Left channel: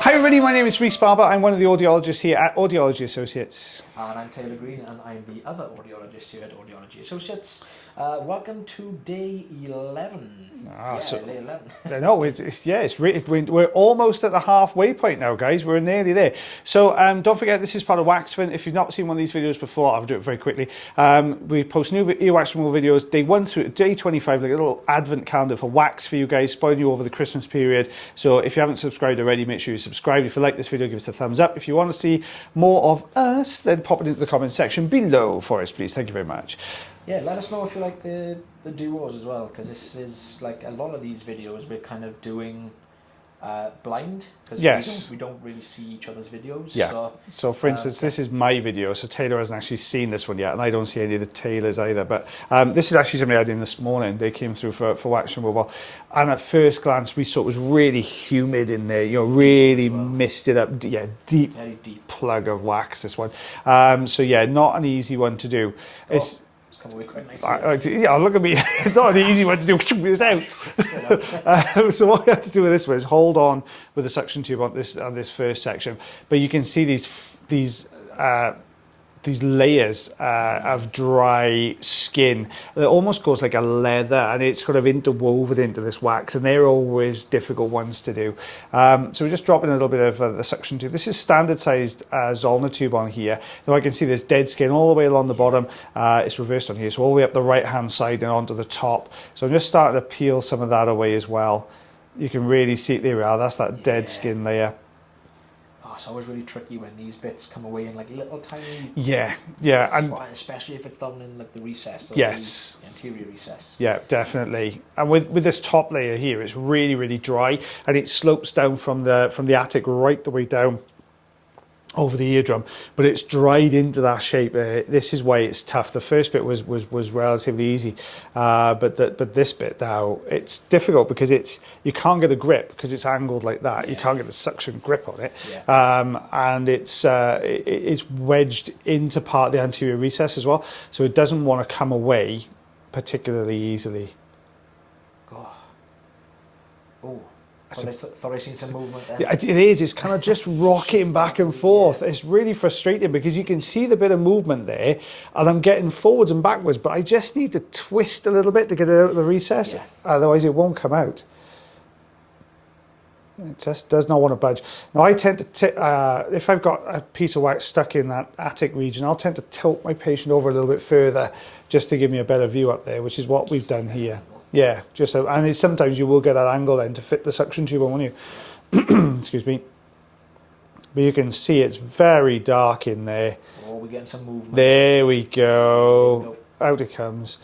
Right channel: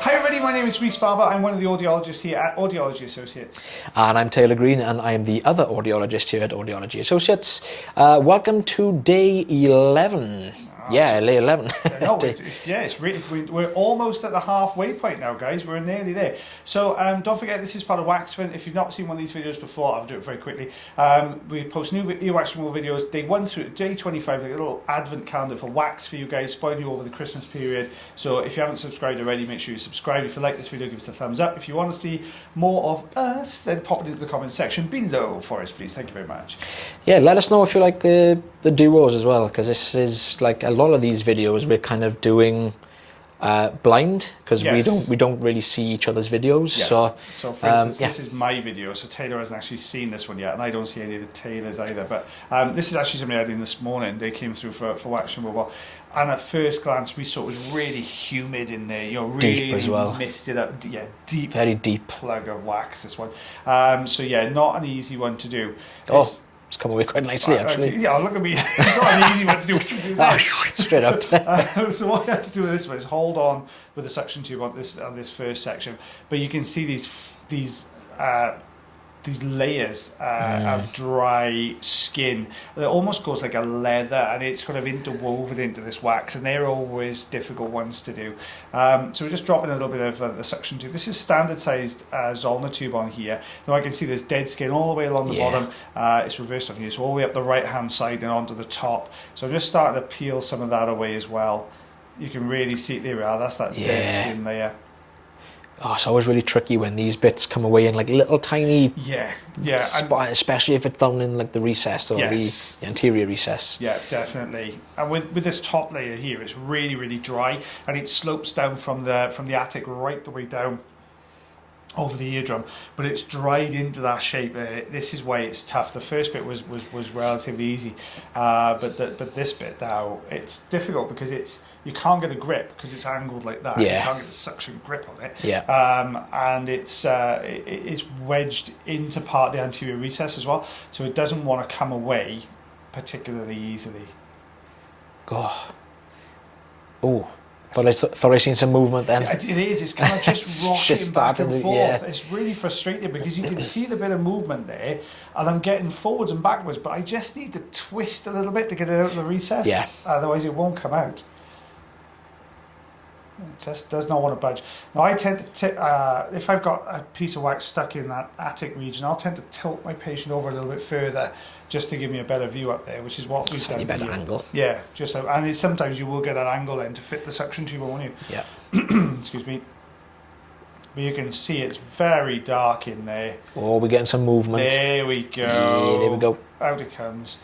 Hi everybody, my name is Rhys Barber. I'm one of the audiologists here at Audiology Associates. And I'm Taylor Green, and I am the other audiologist here at Audiology Associates. Welcome to day 11. Day 11. No, we're almost at the halfway point now, guys. We're nearly there. So don't forget, this is part of Waxfin. If you've not seen one of these videos before, I'll do it very quickly. We post new earwax removal videos, day 1 through day 25, like a little advent calendar for wax for you guys, spoiling you over the Christmas period. So if you haven't subscribed already, make sure you subscribe. If you like this video, give us a thumbs up. If you want to see more of us, then pop it into the comment section below for us, please. Thank you very much. Yeah, let us know if you like the duos as well, because this is like a lot of these videos we're kind of doing blind, because we don't really see each other's videos. Yeah. So for instance, this is my video, so Taylor hasn't actually seen this one yet, and I don't see any of the Taylors either. But this is actually something I did this morning. They came through for wax removal, and at first glance we saw it was really humid in there. You know, really misted up. Yeah, deep, very deep plug of wax. This one. So yeah, not an easy one to do. It's come away quite nicely, actually. Yeah, look at me. It's not an easy one to do. Straight out. So what you have to do with this one is hold on with the suction tube on this first section, but you can see these layers of dry skin. It almost goes like a leather, and it's kind of interwoven into this wax, and they're always difficult ones to do. So we're just dropping a little bit of the suction tube. This is standard sized Zollner tube on here. Now I can see there's dead skin all the way along the bottom. It's reversed on here, so all the way up the right hand side and onto the top. So I'm just starting to peel some of that away as well. You can really see it. There we are. That's that dead skin layer. Oh, it's always really tricky when these bits come away in like little tiny especially if it's down in like the recess or the anterior recess. Yeah, definitely. And with this top layer here, it's really, really dry, and it slopes down from the attic right the way down over the eardrum, but it's dried into that shape. This is why it's tough. The first bit was relatively easy, but this bit now, it's difficult because you can't get a grip because it's angled like that. You can't get a suction grip on it. And it's wedged into part of the anterior recess as well, so it doesn't want to come away particularly easily. Thought I seen some movement then. It is. It's kind of just rocking back and forth. It's really frustrating because you can see the bit of movement there, and I'm getting forwards and backwards, but I just need to twist a little bit to get it out of the recess. Otherwise it won't come out. It just does not want to budge. Now I tend to, if I've got a piece of wax stuck in that attic region, I'll tend to tilt my patient over a little bit further just to give me a better view up there, which is what we've done here. Angle. Yeah, just so, and sometimes you will get that angle then to fit the suction tube on, won't you? Yeah. Excuse me. But you can see it's very dark in there. Oh, we're getting some movement. There we go. Yeah, there we go. Out it comes.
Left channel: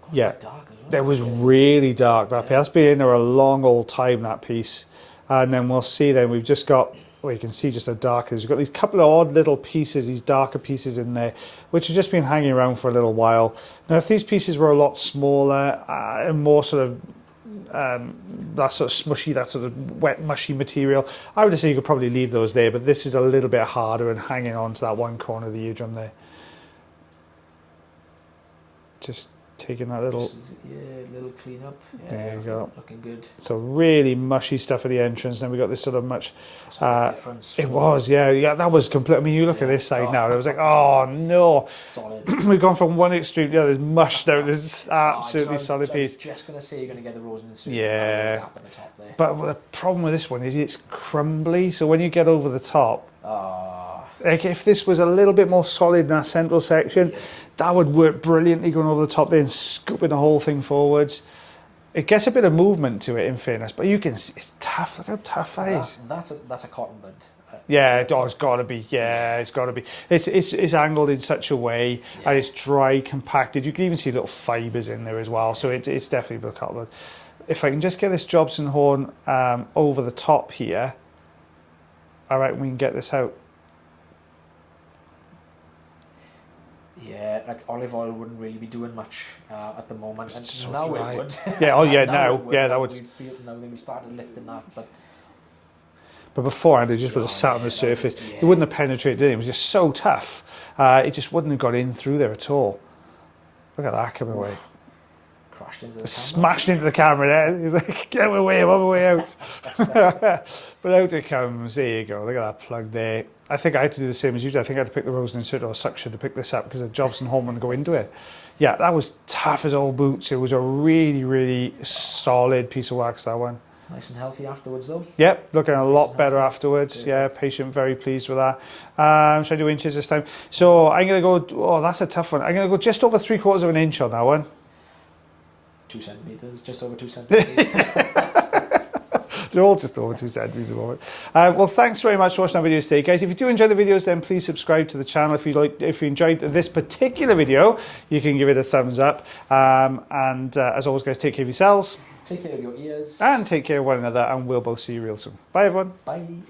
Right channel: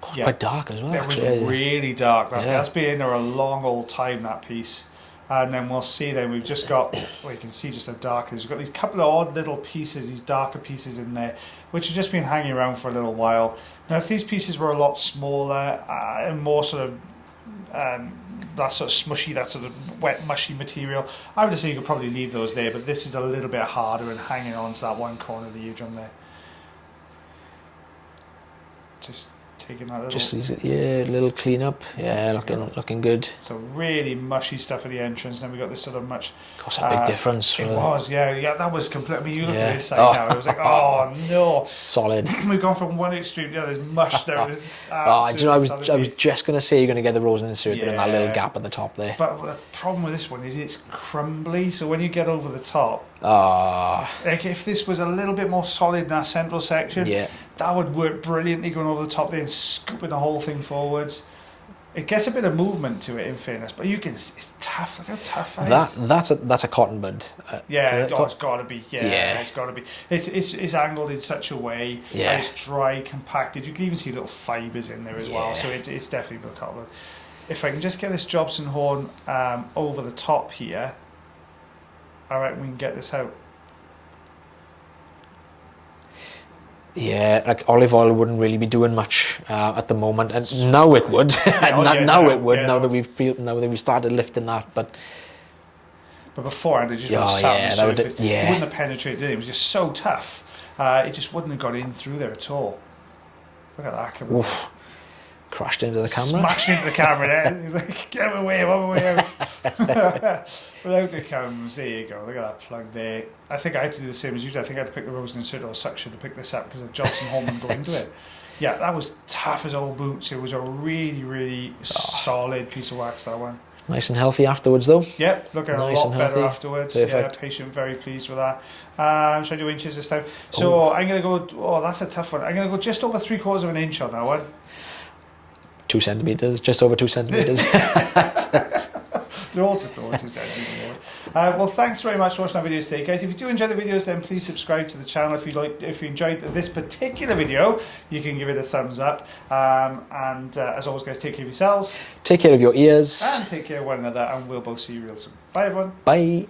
Quite dark as well. It was really dark. That's been in there a long old time, that piece. And then we'll see then, we've just got, well, you can see just how dark it is. We've got these couple of odd little pieces, these darker pieces in there, which have just been hanging around for a little while. Now, if these pieces were a lot smaller and more sort of, that sort of smushy, that sort of wet, mushy material, I would say you could probably leave those there, but this is a little bit harder and hanging on to that one corner of the eardrum there. Just taking that little... little clean up. Yeah, looking good. So really mushy stuff at the entrance. Then we got this sort of much... That's a big difference. It was, yeah, that was complete. I mean, you look at this side now, it was like, oh no. Solid. We've gone from one extreme to the other, there's mush there, there's absolutely solid. I was just going to say you're going to get the rosin insert in that little gap at the top there. But the problem with this one is it's crumbly, so when you get over the top, like if this was a little bit more solid in that central section, that would work brilliantly going over the top there and scooping the whole thing forwards. It gets a bit of movement to it, in fairness, but you can see it's tough. Look how tough that is. That's a cotton bud. It's got to be. It's got to be. It's angled in such a way, and it's dry, compacted. You can even see little fibres in there as well. So it's definitely a cotton bud. If I can just get this Jobson horn over the top here, all right, we can get this out. Yeah, like olive oil wouldn't really be doing much at the moment, and now it would. Now it would. Now that we started lifting that, but beforehand it just would have sat on the surface. It wouldn't have penetrated in. It was just so tough. It just wouldn't have got in through there at all. Look at that coming. Crashed into the camera. Smashed into the camera there. He's like, get away, I'm on my way out. But out it comes. There you go. Look at that plug there. I think I had to do the same as you did. I think I had to pick the Rosen insert or suction to pick this up because the Jobson home and go into it. Yeah, that was tough as old boots. It was a really, really solid piece of wax, that one. Nice and healthy afterwards, though. Yeah, looking Nice a lot and better healthy. afterwards. Perfect. Yeah, patient, very pleased with that. Should I do inches this time? So I'm going to go, oh, that's a tough one. I'm going to go just over 3/4 of an inch on that one. 2 centimetres, just over 2 centimetres. They're all just over 2 centimetres. Well, thanks very much for watching our videos today, guys. If you do enjoy the videos, then please subscribe to the channel. If you enjoyed this particular video, you can give it a thumbs up. As always, guys, take care of yourselves. Take care of your ears. And take care of one another, and we'll both see you real soon. Bye, everyone. Bye.